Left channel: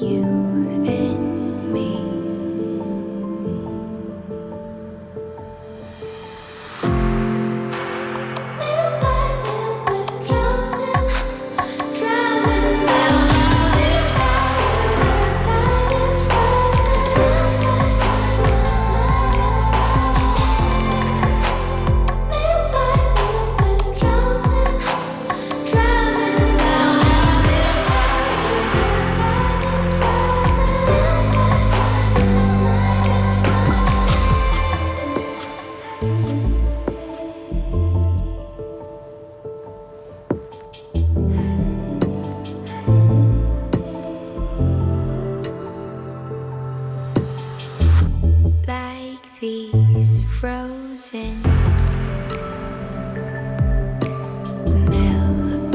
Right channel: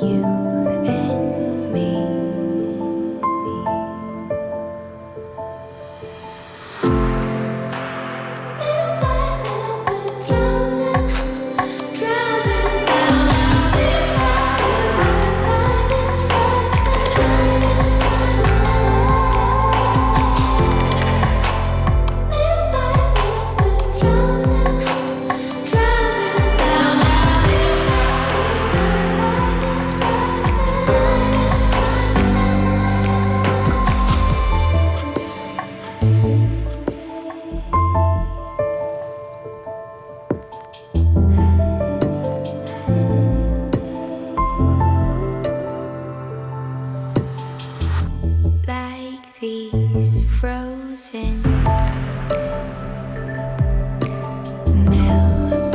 you and me. Little by little, we're drowning down. Little by little, the tide is rising. Little by little, we're drowning down. Little by little, the tide is rising. Like these frozen melodies,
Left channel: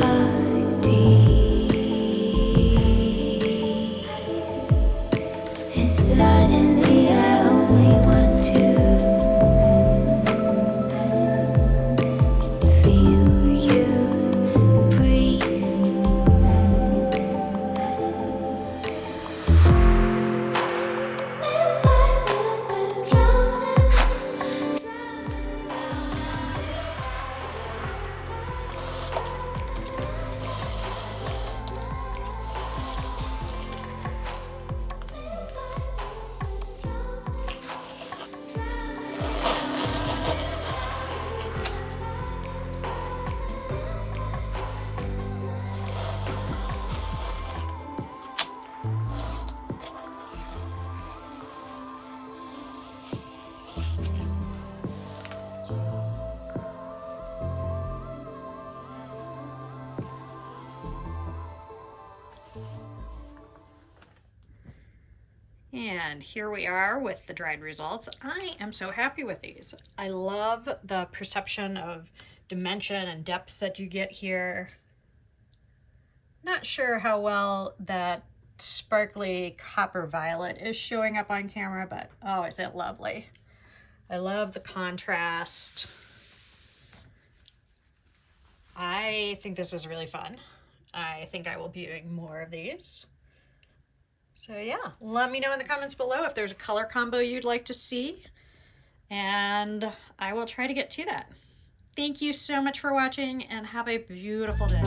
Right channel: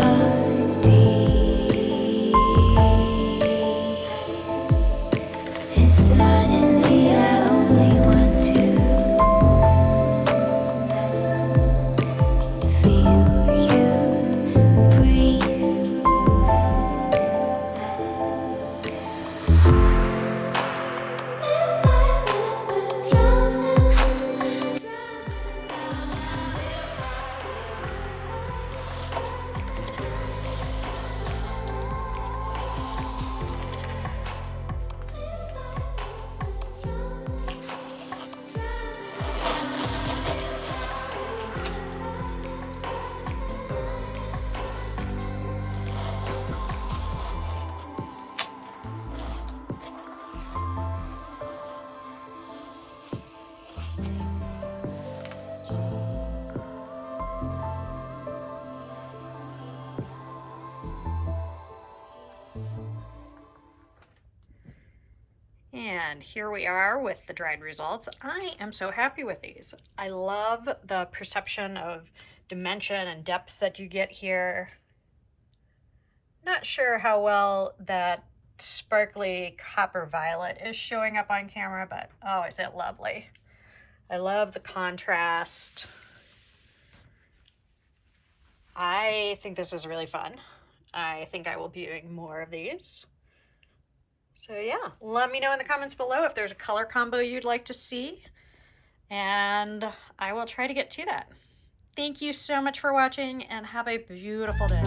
and suddenly I only want to feel you breathe. Little by little, we're drowning down. Little by little, the tide is rising. Little by little, we're drowning down. Little by little, the tide is And here we are with the dried results. I am so happy with these. I love the perception of dimension and depth that you get here. Not sure how well that sparkly copper violet is showing up on camera, but oh, is it lovely. I love the contrast. I think this is really fun. I think I will be doing more of these. So yeah, let me know in the comments below if there's a color combo you'd like to see, and I will try to get to that. Thank you so much for watching, and have a beautiful day.